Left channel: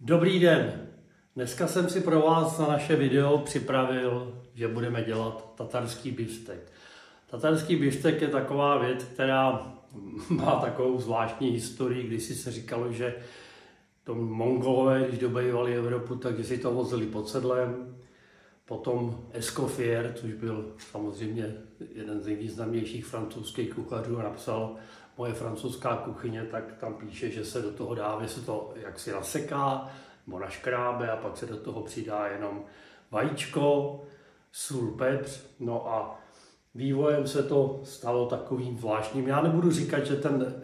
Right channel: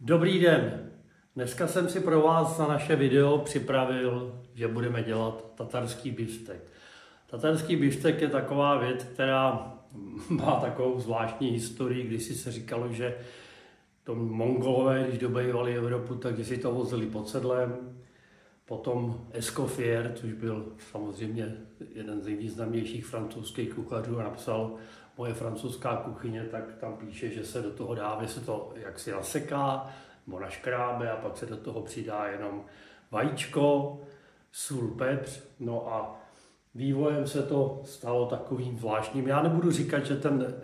Dobrý den, dneska jsem si pro vás na naše video připravil, že budeme dělat tatarský biftek. Tatarský biftek je taková věc, která má takovou zvláštní historii, když si se říkalo, že to Mongolové, když dobývali Evropu, takže si to vozili pod sedlem. Potom Escoffier, což byl samozřejmě jeden z nejvýznamnějších francouzských kuchařů, napsal Moje francouzská kuchyně, tak tam píše, že se do toho dá, že se to jaksi naseká nebo naškrábe a pak se do toho přidá jenom vajíčko, sůl, pepř. No a vývojem se to stalo takovým zvláštním. Já nebudu říkat,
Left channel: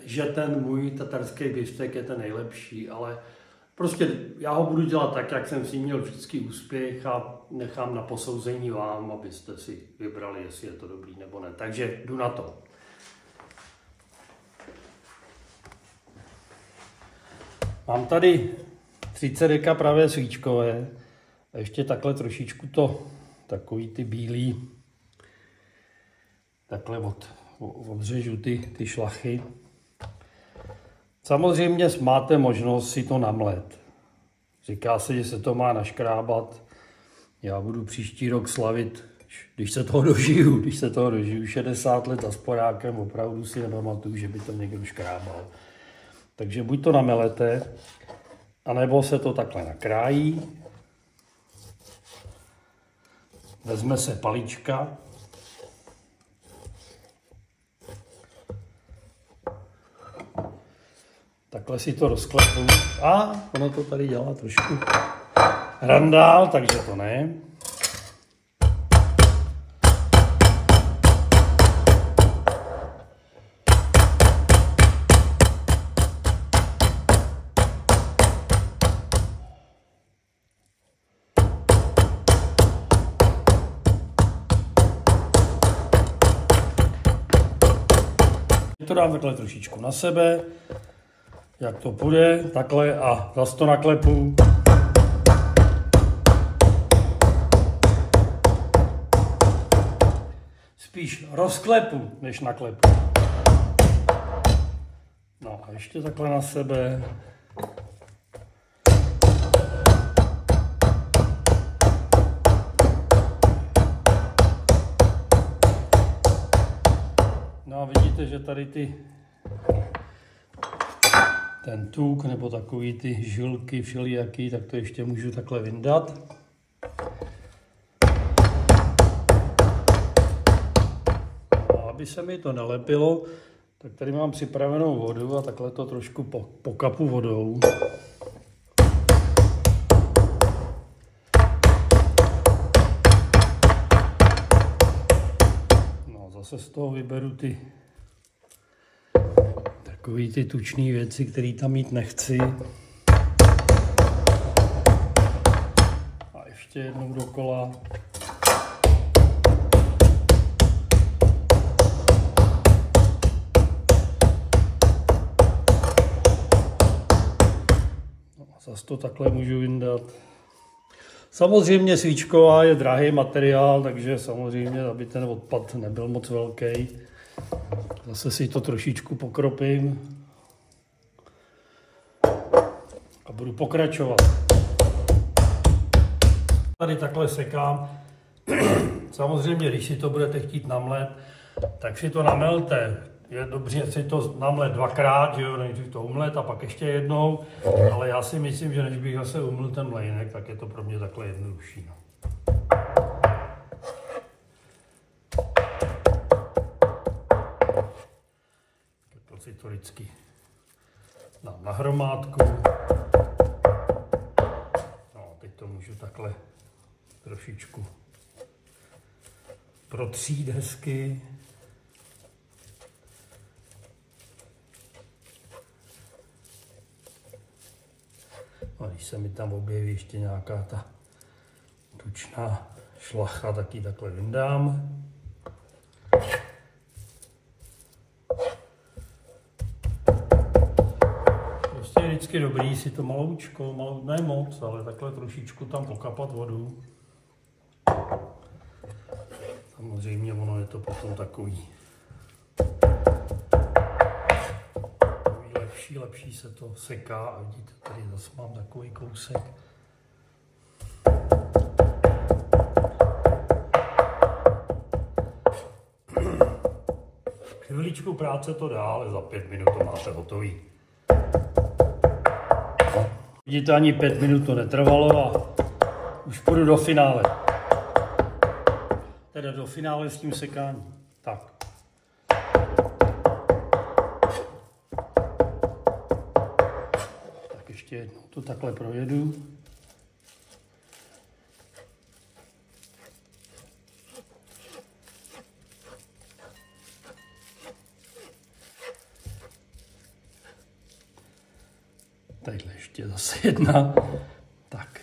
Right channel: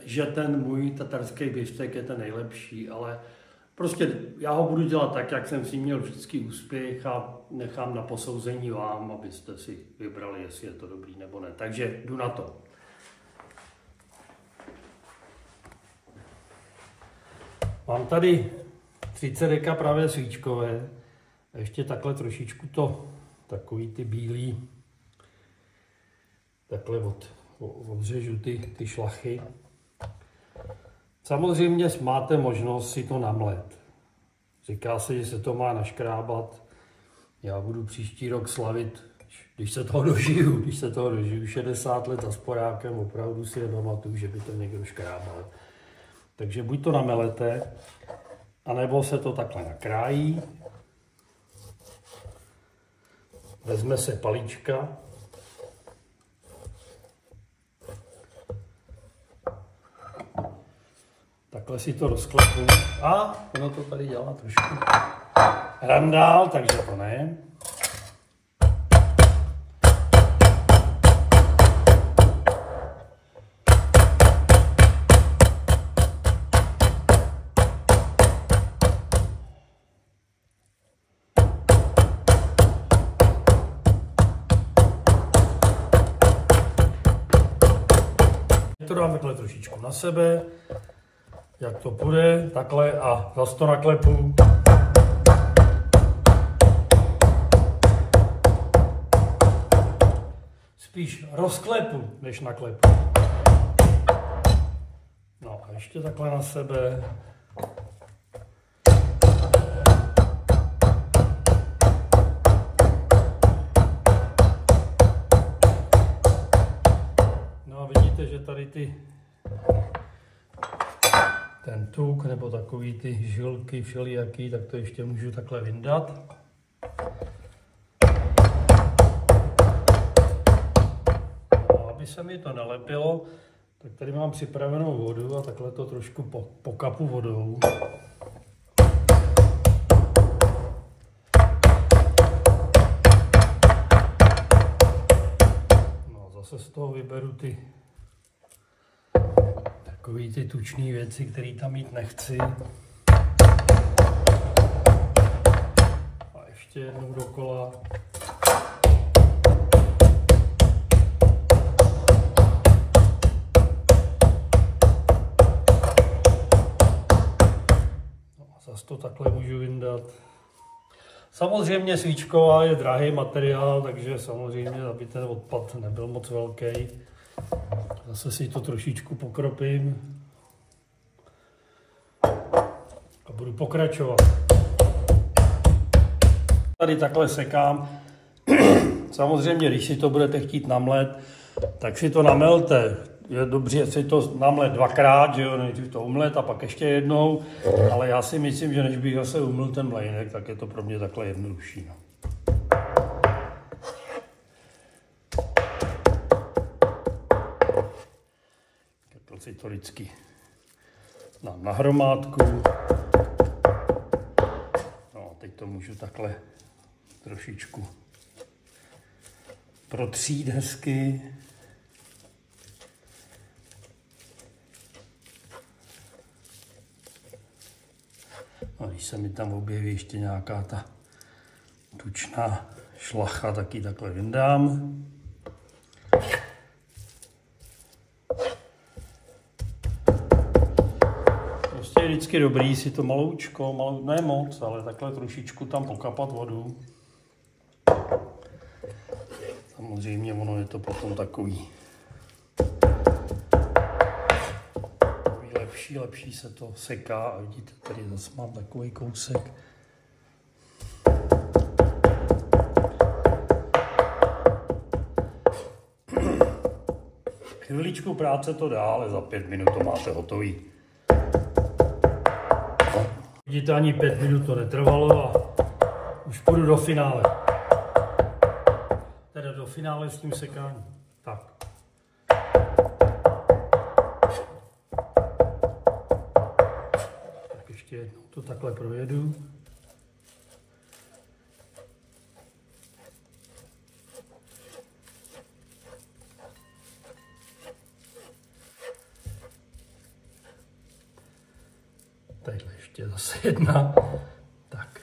že ten můj tatarský biftek je ten nejlepší, ale prostě já ho budu dělat tak, jak jsem si měl vždycky úspěch a nechám na posouzení vám, abyste si vybrali, jestli je to dobrý nebo ne. Takže jdu na to. Mám tady 30 deka pravé svíčkové a ještě takhle trošičku takový ty bílý, takhle odřežu ty šlachy. Samozřejmě máte možnost si to namlet. Říká se, že se to má naškrábat. Já budu příští rok slavit, když se toho dožiju 60 let a s porákem opravdu si nepamatuju, že by tam někdo škrábal. Takže buď to namelete, anebo se to takhle nakrájí. Vezme se palíčka. Takhle si to rozklepu. A ono to tady dělá trošku randál, takže to ne. To dám takhle trošičku na sebe, jak to půjde, takhle a zase to naklepu. Spíš rozklepu, než naklepu. No a ještě takhle na sebe. No a vidíte, že tady ten tuk nebo takový ty žilky všelijaký, tak to ještě můžu takhle vyndat. A aby se mi to nalepilo, tak tady mám připravenou vodu a takhle to trošku pokapu vodou. No a zase z toho vyberu takový ty tučné věci, které tam mít nechci. A ještě jednou dokola. No a zase to takhle můžu vyndat. Samozřejmě svíčková je drahý materiál, takže samozřejmě, aby ten odpad nebyl moc velký. Zase si to trošičku pokropím a budu pokračovat. Tady takhle sekám. Samozřejmě, když si to budete chtít namlet, tak si to namelte. Je dobře si to namlet dvakrát, že jo, nejdřív to umlet a pak ještě jednou, ale já si myslím, že než bych zase umyl ten mlejnek, tak je to pro mě takhle jednodušší. No. Si to vždycky dám na hromádku. No, teď to můžu takhle trošičku protřít hezky. A když se mi tam objeví ještě nějaká ta tučná šlacha, tak ji takhle vyndám. Je vždycky dobrý si to maloučko, ne moc, ale takhle trošičku tam pokapat vodu. Samozřejmě ono je to potom takový lepší. lepší se to seká a vidíte, tady zase mám takový kousek. Chviličku práce to dá, ale za 5 minut to máte hotový. Vidíte, ani 5 minut to netrvalo a už půjdu do finále. Teda do finále s tím sekáním. Tak. Tak ještě jednou to takhle projedu. Takhle ještě zase jedna. Tak.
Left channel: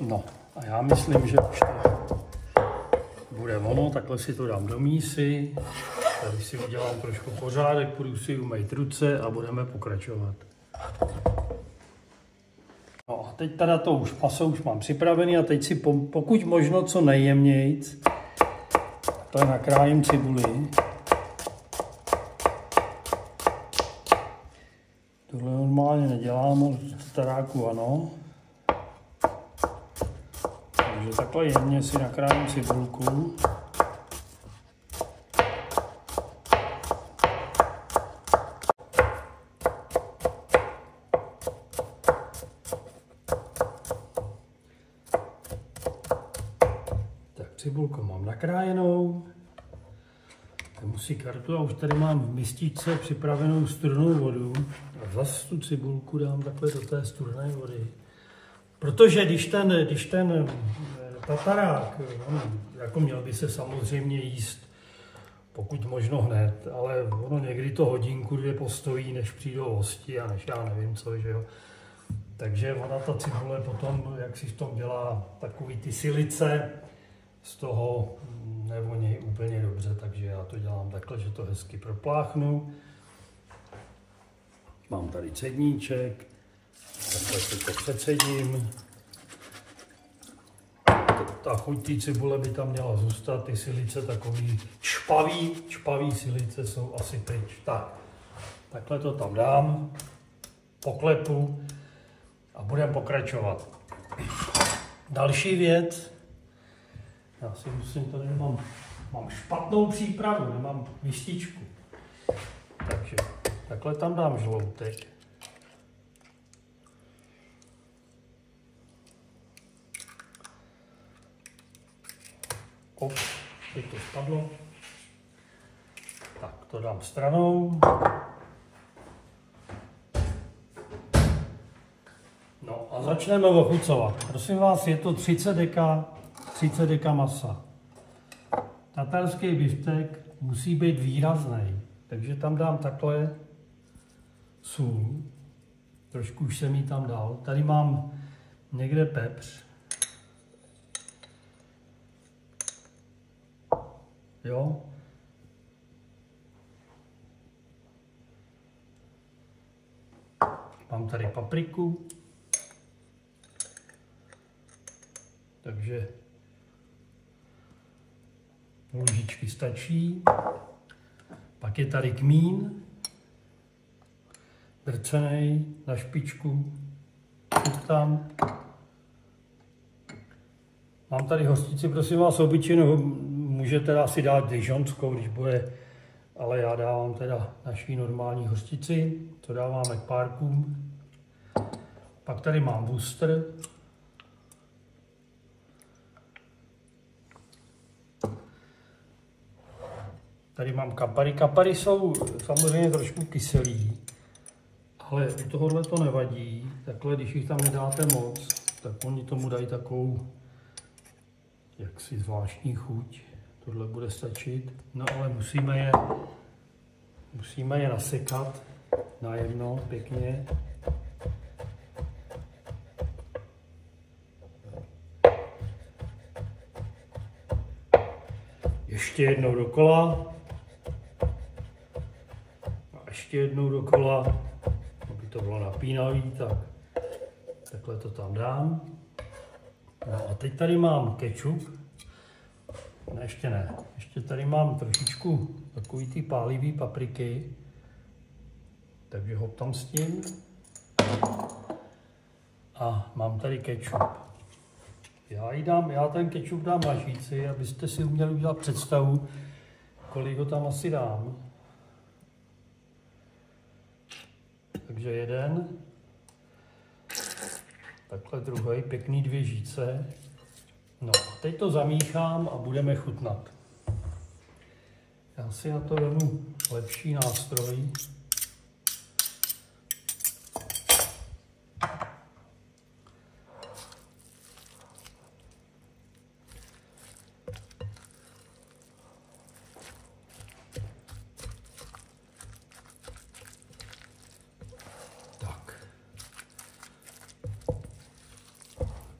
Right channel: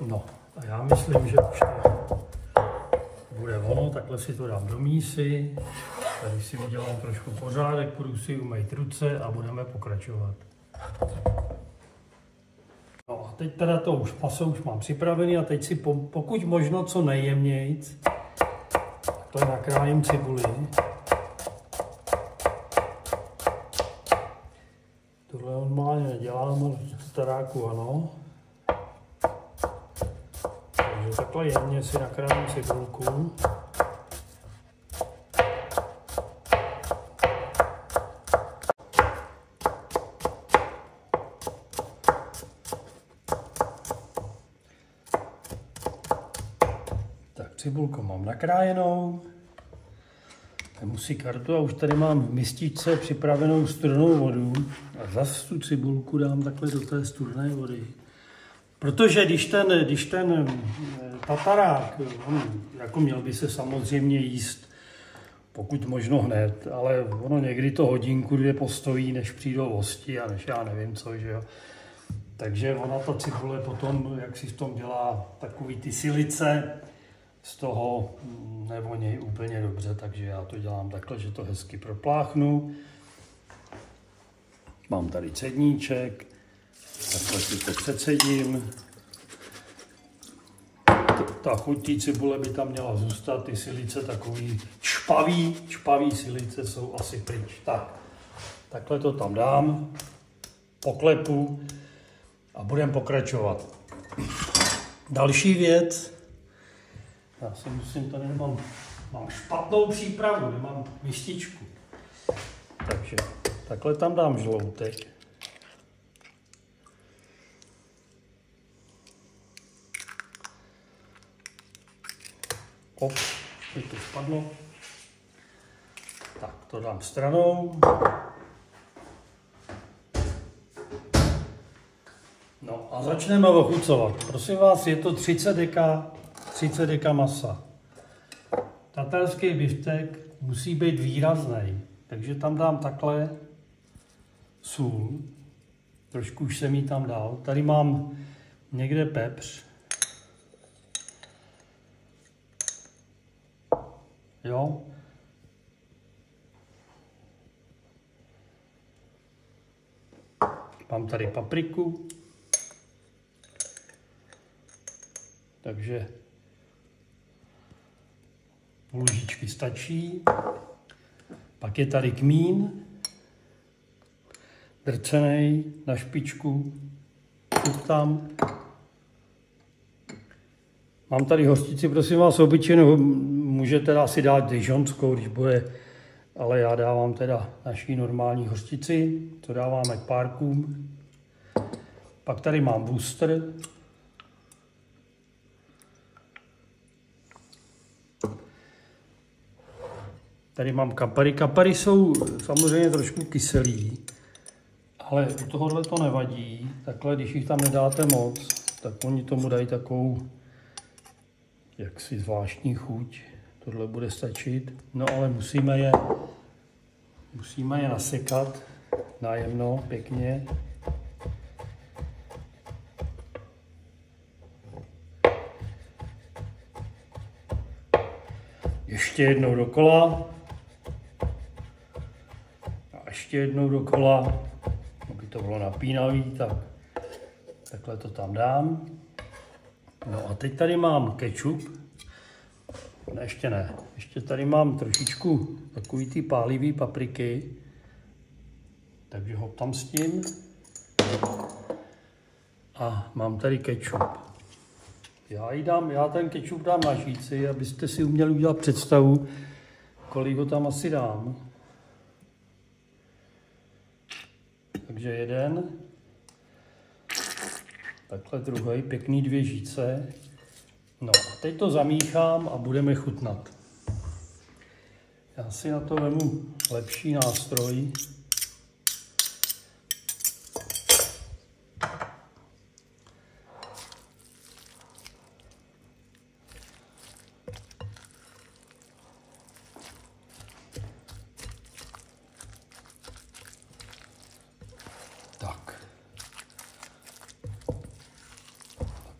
No a já myslím, že už to bude ono. Takhle si to dám do mísy. Tady si udělám trošku pořádek, půjdu si umýt ruce a budeme pokračovat. No a teď teda to už maso už mám připravený a teď si pokud možno co nejjemnějc to nakrájím cibuli. Tohle normálně nedělám, ale v taráku ano. Takže takhle jemně si nakrájím cibulku. Tak cibulku mám nakrájenou. Musí kartu a už tady mám v mističce připravenou studenou vodu a zase tu cibulku dám takhle do té studené vody. Protože když ten tatarák, jako měl by se samozřejmě jíst pokud možno hned, ale ono někdy to hodinku, 2 postojí, než přijdou hosti a než já nevím co, že jo. Takže ona ta cibule potom, jak si v tom dělá takový ty silice, z toho nevoní úplně dobře, takže já to dělám takhle, že to hezky propláchnu. Mám tady cedníček, takhle si to přecedím. Ta chuť té cibule by tam měla zůstat, ty silice takový čpavý silice jsou asi pryč. Tak, takhle to tam dám, poklepu a budeme pokračovat. Další věc, já si musím, tady mám špatnou přípravu, nemám mističku. Takže takhle tam dám žloutek. Teď to spadlo. Tak to dám stranou. No a začneme ochucovat. Prosím vás, je to 30 deka masa. Tatarský biftek musí být výrazný, takže tam dám takhle sůl. Trošku už jsem ji tam dal. Tady mám někde pepř. Jo. Mám tady papriku. Takže půl lžičky stačí. Pak je tady kmín, drcený na špičku. Tam. Mám tady hořčici, prosím vás, obyčejnou, můžete asi dát dijonskou, když bude, ale já dávám teda naší normální hořčici, to dáváme k párkům. Pak tady mám Worcester. Tady mám kapary. Kapary jsou samozřejmě trošku kyselý, ale u tohohle to nevadí. Takhle, když jich tam nedáte moc, tak oni tomu dají takovou jaksi zvláštní chuť. Tohle bude stačit. No ale musíme je nasekat nájemno, pěkně. Ještě jednou dokola. A ještě jednou dokola. Aby to bylo napínavý, tak takhle to tam dám. No a teď tady mám kečup. Ne, ještě ne. Ještě tady mám trošičku takový ty pálivý papriky. Takže ho tam s tím. A mám tady kečup. Já ten kečup dám na žíci, abyste si uměli udělat představu, kolik ho tam asi dám. Takže jeden. Takhle druhý, pěkný 2 žíce. No a teď to zamíchám a budeme chutnat. Já si na to vezmu lepší nástroj.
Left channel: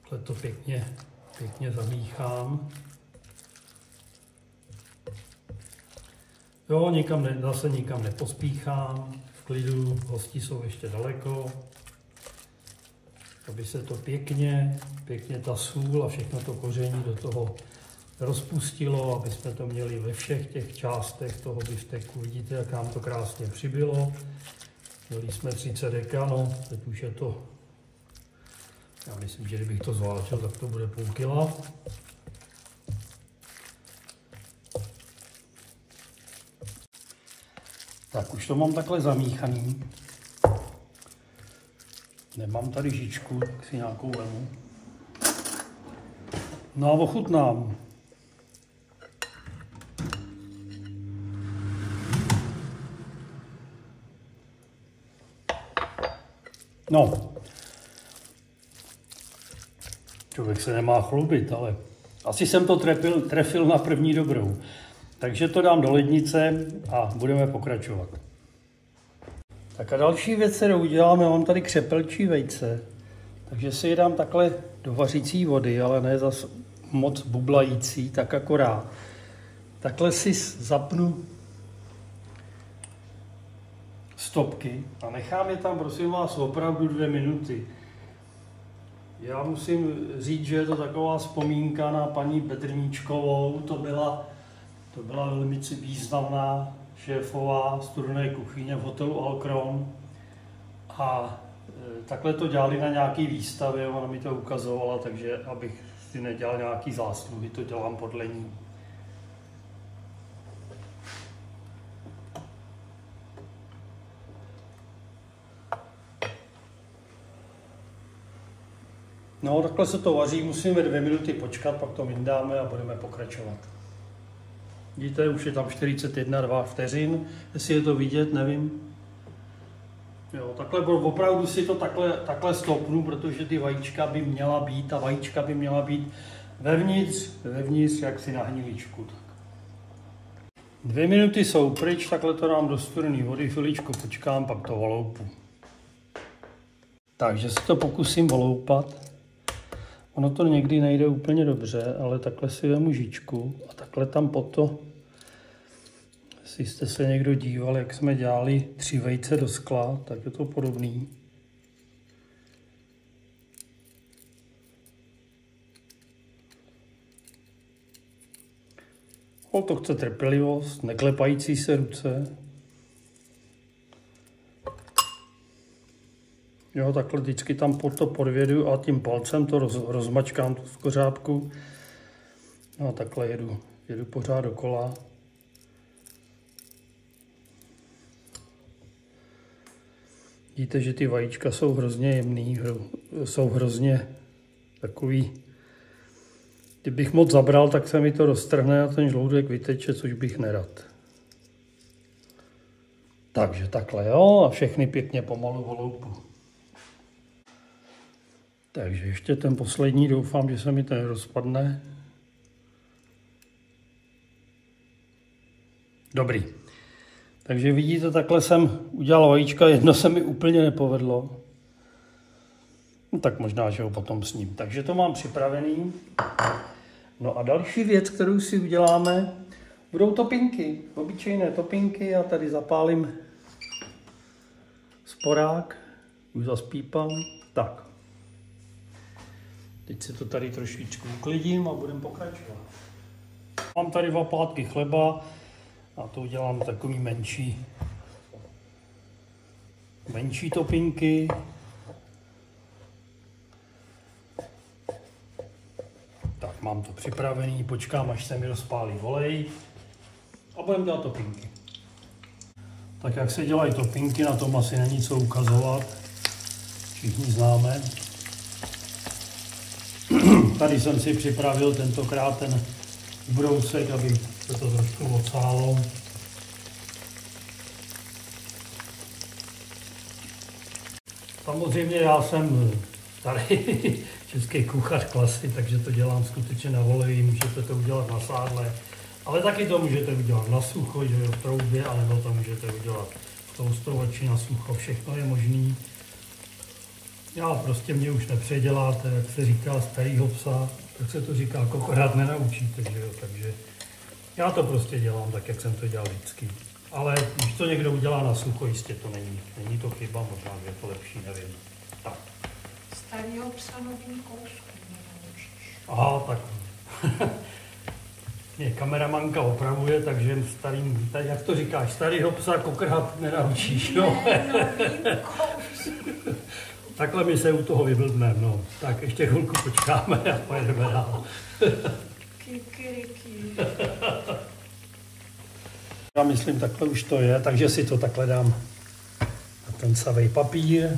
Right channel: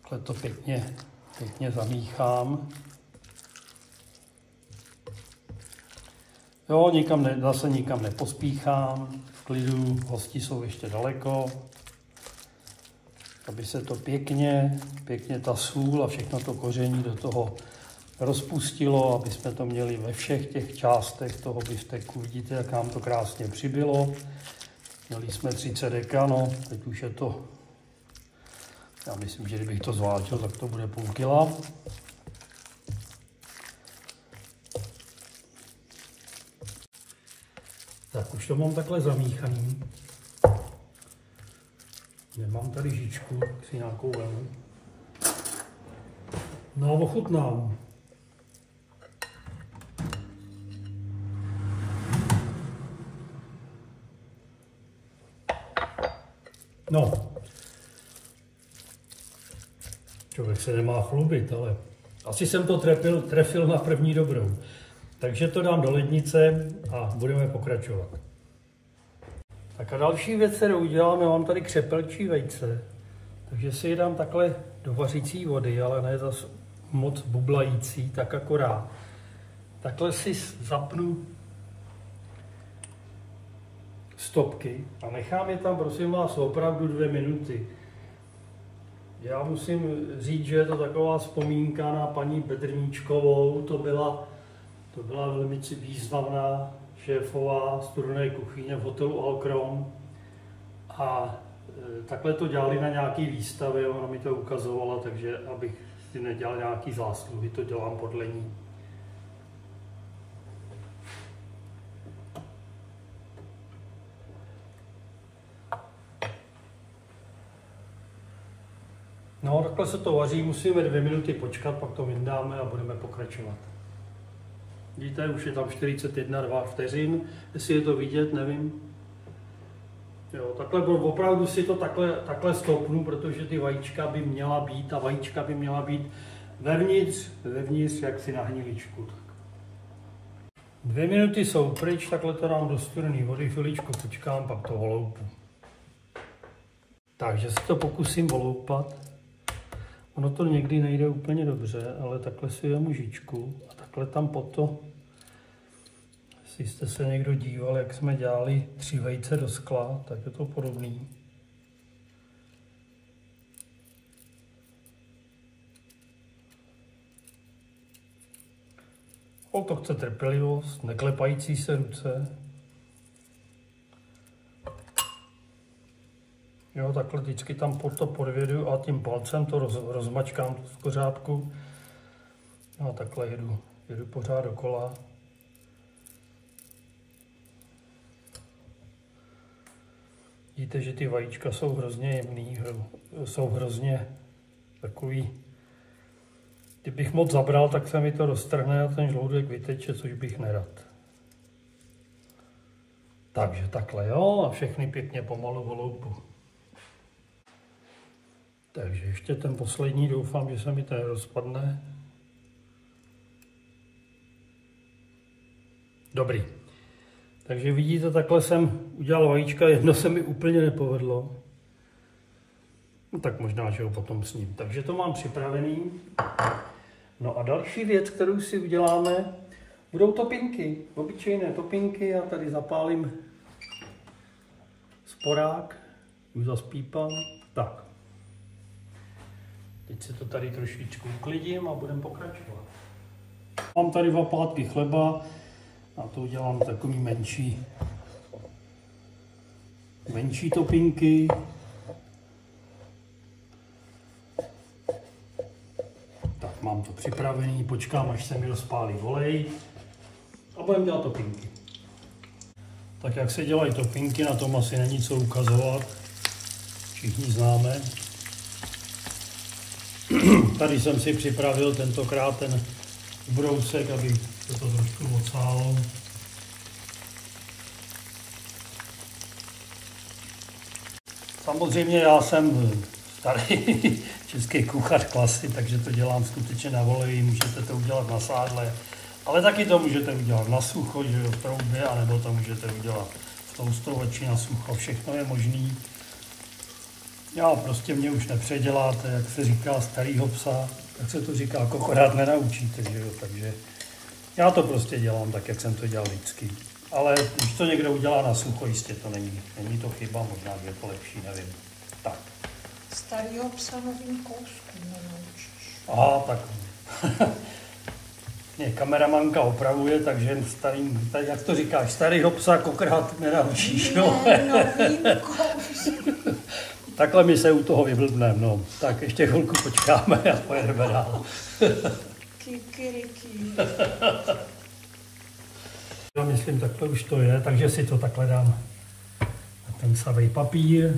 Takhle to pěkně zamíchám. Jo, zase nikam nepospíchám, v klidu, hosti jsou ještě daleko, aby se to pěkně ta sůl a všechno to koření do toho rozpustilo, aby jsme to měli ve všech těch částech toho bifteku. Vidíte, jak nám to krásně přibylo. Měli jsme 30 deka, no, teď už je to, já myslím, že kdybych to zvážil, tak to bude půl kila. Tak už to mám takhle zamíchaný. Nemám tady žičku, tak si nějakou vemu. No a ochutnám. No. Člověk se nemá chlubit, ale asi jsem to trefil na první dobrou. Takže to dám do lednice a budeme pokračovat. Tak a další věc, kterou uděláme, mám tady křepelčí vejce. Takže si je dám takhle do vařící vody, ale ne zas moc bublající, tak akorát. Takhle si zapnu stopky a nechám je tam, prosím vás, opravdu 2 minuty. Já musím říct, že je to taková vzpomínka na paní Bedrníčkovou, to byla velmi významná šéfová studené kuchyně v hotelu Alcron a takhle to dělali na nějaký výstavě, ona mi to ukazovala, takže abych si nedělal nějaký zásluhy, to dělám podle ní. No, takhle se to vaří, musíme 2 minuty počkat, pak to vyndáme a budeme pokračovat. Vidíte, už je tam 41-2 vteřin, jestli je to vidět, nevím. Jo, takhle opravdu si to takhle stopnu, protože ty vajíčka by měla být vevnitř jaksi na hniličku. 2 minuty jsou pryč, takhle to dám do studené vody, chviličku počkám, pak to voloupu. Takže se to pokusím voloupat. Ono to někdy nejde úplně dobře, ale takhle si vemu žičku a takhle tam pod to, jestli jste se někdo díval, jak jsme dělali 3 vejce do skla, tak je to podobný. O, to chce trpělivost, neklepající se ruce. Jo, takhle vždycky tam pod to podvědu a tím palcem to rozmačkám v kořápku. No, takhle jedu pořád dokola. Vidíte, že ty vajíčka jsou hrozně jemný, jsou hrozně takový. Kdybych moc zabral, tak se mi to roztrhne a ten žloudek vyteče, což bych nerad. Takže takhle, jo, a všechny pěkně pomalu voloupu. Takže ještě ten poslední, doufám, že se mi ten rozpadne. Dobrý. Takže vidíte, takhle jsem udělal vajíčka, jedno se mi úplně nepovedlo. No tak možná, že ho potom sním. Takže to mám připravený. No a další věc, kterou si uděláme, budou topinky. Obyčejné topinky. Já tady zapálím sporák. Už zaspípám. Tak. Teď se to tady trošičku uklidím a budeme pokračovat. Mám tady 2 plátky chleba a to udělám takový menší topinky. Tak mám to připravený, počkám, až se mi rozpálí olej a budeme dělat topinky. Tak jak se dělají topinky, na tom asi není co ukazovat, všichni známe. Tady jsem si připravil tentokrát ten brousek, aby se to trošku odsálo. Samozřejmě já jsem starý český kuchař klasy, takže to dělám skutečně na oleji, můžete to udělat na sádle, ale taky to můžete udělat na sucho, že v troubě, anebo to můžete udělat v toustovači na sucho, všechno je možný. Já prostě mě už nepředěláte, jak se říká starýho psa, tak se to říká, kokorát nenaučíte, že jo? Takže já to prostě dělám tak, jak jsem to dělal vždycky. Ale když to někdo udělá na sucho, jistě to není to chyba, možná, že to lepší, nevím. Tak. Starýho psa novým kouskům nenaučíš. Aha, tak. Mě kameramanka opravuje, takže tady, jak to říkáš, starýho psa kokrát nenaučíš, no? Ne, novým kouskům. Takhle my se u toho vyblbneme, no. Tak ještě chvilku počkáme a pojedeme dál. Kikiriki. Já myslím, takhle už to je, takže si to takhle dám na ten savej papír.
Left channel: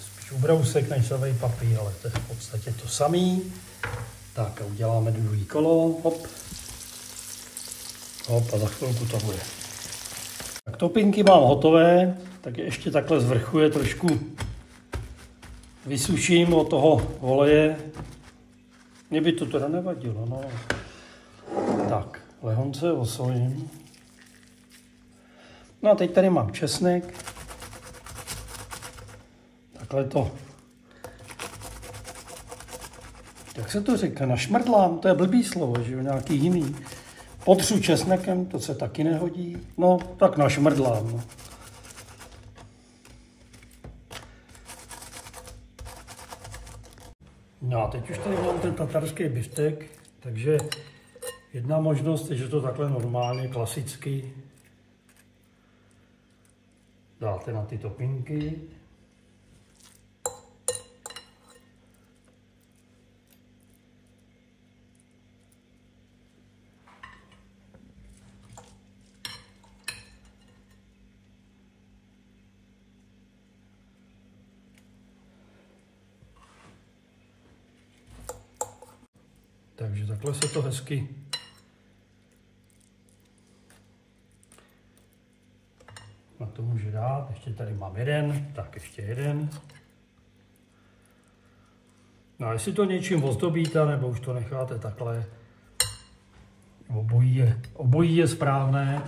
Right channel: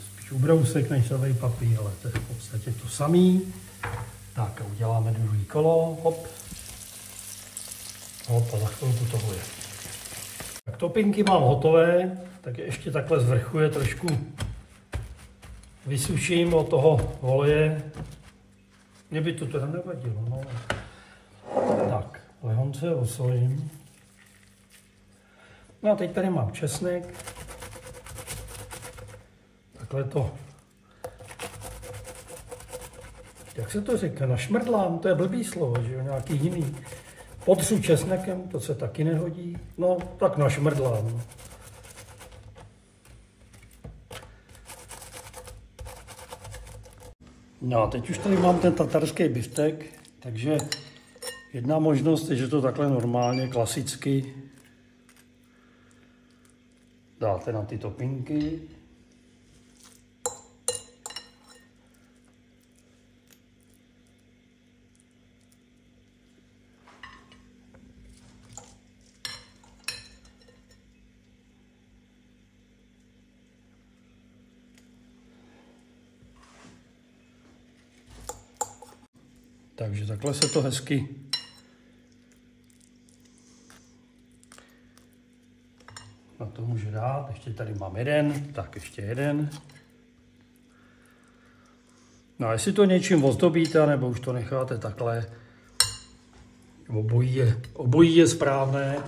Spíš ubrousek než savej papír, ale to je v podstatě to samý. Tak a uděláme druhý kolo, hop. Hop a za chvilku to bude. Tak topinky mám hotové, tak je ještě takhle z vrchu je trošku vysuším od toho oleje. Mně by to teda nevadilo, no. Tak, lehonce osolím. No a teď tady mám česnek. Takhle to. Jak se to říká? Našmrdlám, to je blbý slovo, že jo, nějaký jiný. Potřu česnekem, to se taky nehodí. No, tak našmrdlám. No. No a teď už tady mám ten tatarský biftek, takže jedna možnost je, že to takhle normálně, klasicky dáte na ty topinky. Takže takhle se to hezky na to může dát. Ještě tady mám jeden, tak ještě jeden. No a jestli to něčím ozdobíte, nebo už to necháte takhle, obojí je správné.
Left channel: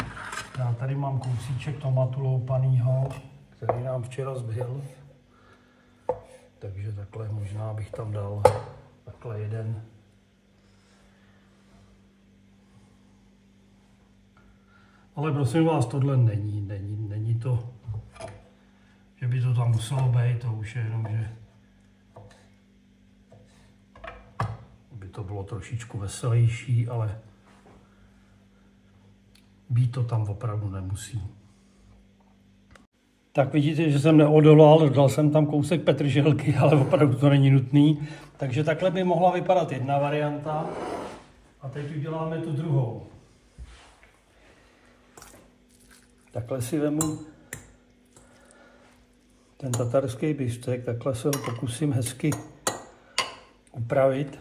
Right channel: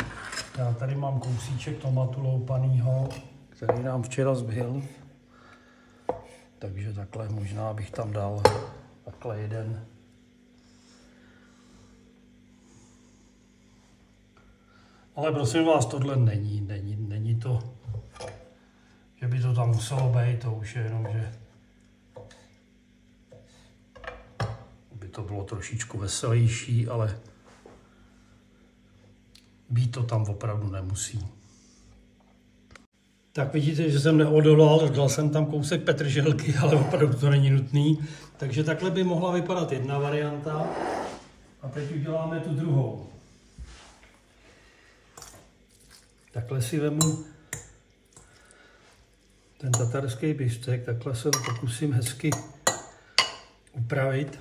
Já tady mám kousíček tomatu loupanýho, který nám včera zbyl. Takže takhle možná bych tam dal takhle jeden. Ale prosím vás, tohle není to, že by to tam muselo být, to už je jenom, že by to bylo trošičku veselější, ale být to tam opravdu nemusí. Tak vidíte, že jsem neodolal, dal jsem tam kousek petrželky, ale opravdu to není nutný. Takže takhle by mohla vypadat jedna varianta. A teď uděláme tu druhou. Takhle si vemu ten tatarský biftek, takhle se ho pokusím hezky upravit.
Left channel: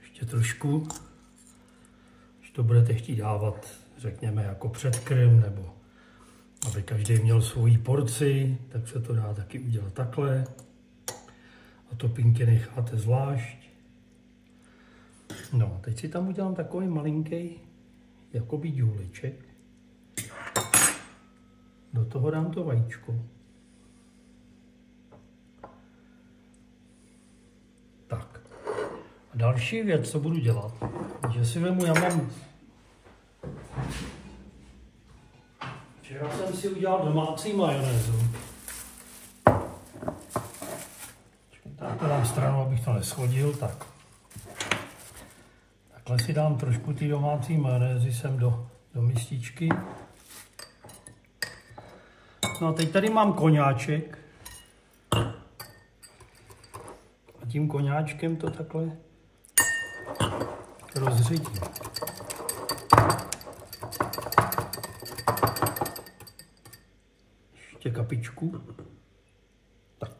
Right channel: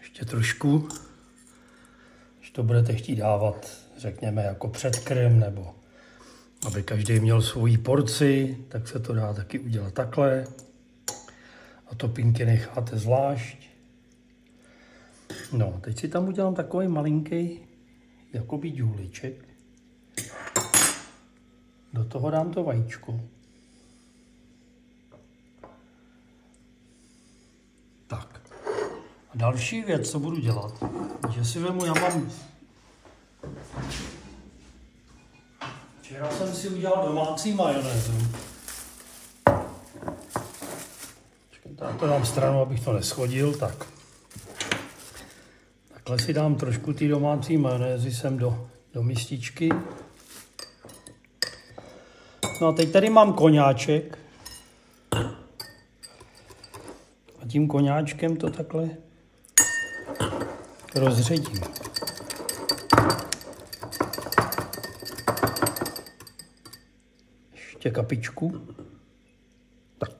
Ještě trošku, když to budete chtít dávat, řekněme, jako předkrm, nebo aby každý měl svoji porci, tak se to dá taky udělat takhle. A topinky necháte zvlášť. No, teď si tam udělám takový malinký, jakoby důleček. Do toho dám to vajíčko. Tak. A Další věc, co budu dělat, že si vemu, včera jsem si udělal domácí majonézu. Tak to dám stranu, abych to neschodil, tak. Takhle si dám trošku ty domácí majonézy sem do mističky. No a teď tady mám koňáček. A tím koňáčkem to takhle rozředím. Ještě kapičku. Tak.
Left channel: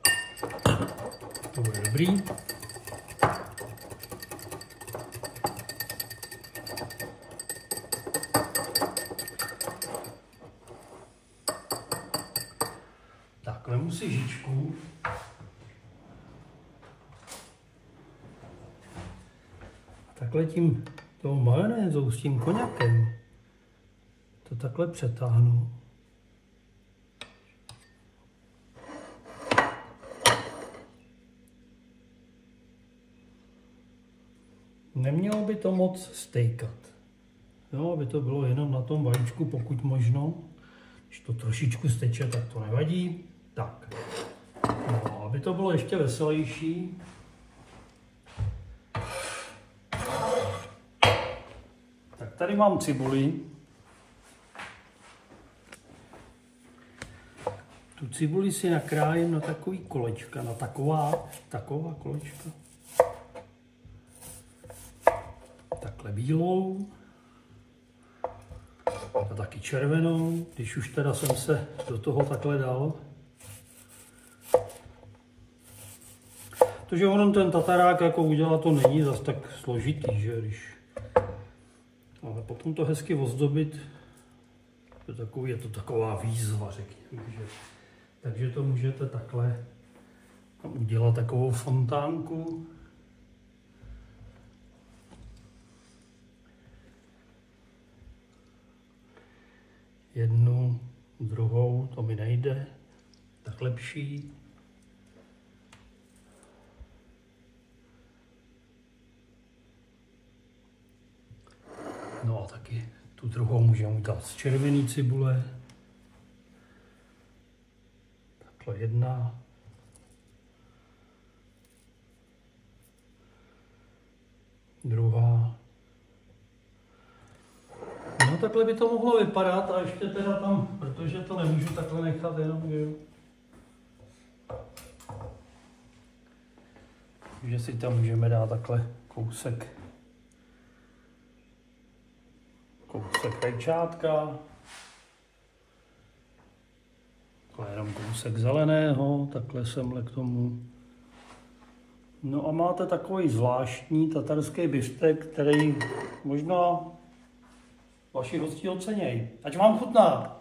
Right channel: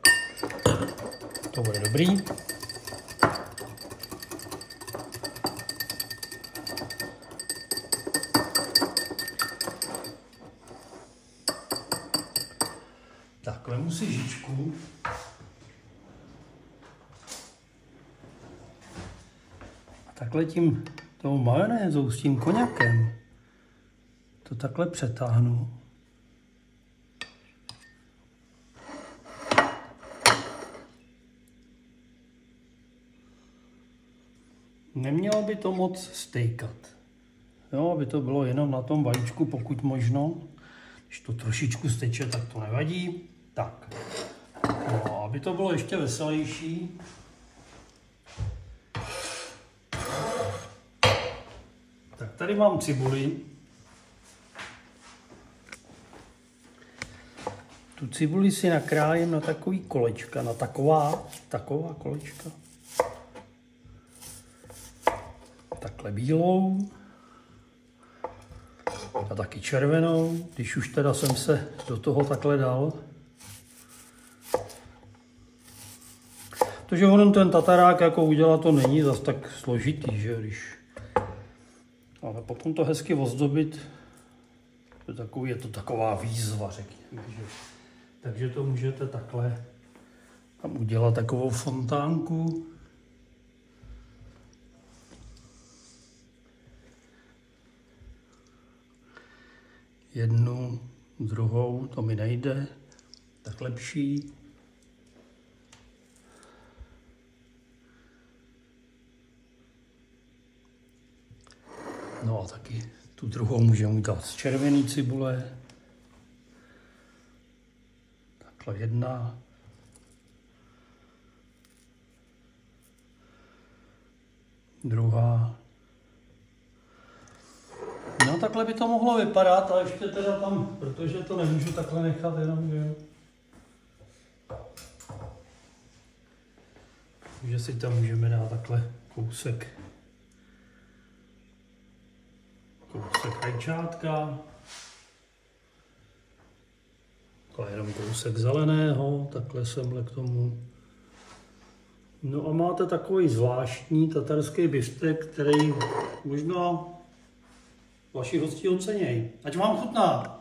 To bude dobrý. Tak, vemu si žičku. A takhle tím tou majonézou s tím koňakem to takhle přetáhnu. Nemělo by to moc stejkat. Jo, aby to bylo jenom na tom vajíčku, pokud možno. Když to trošičku steče, tak to nevadí. Tak. No, aby to bylo ještě veselější. Tak tady mám cibuli. Tu cibuli si nakrájím na takový kolečka, na taková kolečka. Takhle bílou a taky červenou, když už teda jsem se do toho takhle dal. Protože on ten tatarák jako udělat to není zas tak složitý, že když. Ale potom to hezky ozdobit, je to taková výzva, řekněme. Že? Takže to můžete takhle tam udělat takovou fontánku. Jednu, druhou, to mi nejde, tak lepší. No a taky tu druhou můžeme dát z červený cibule. Takhle jedna. Druhá. No takhle by to mohlo vypadat a ještě teda tam, protože to nemůžu takhle nechat jenom, že si tam můžeme dát takhle kousek rajčátka, takhle jenom kousek zeleného, takhle semhle k tomu. No a máte takový zvláštní tatarský biftek, který možná vaši hosti ocenějí. Ať vám chutná!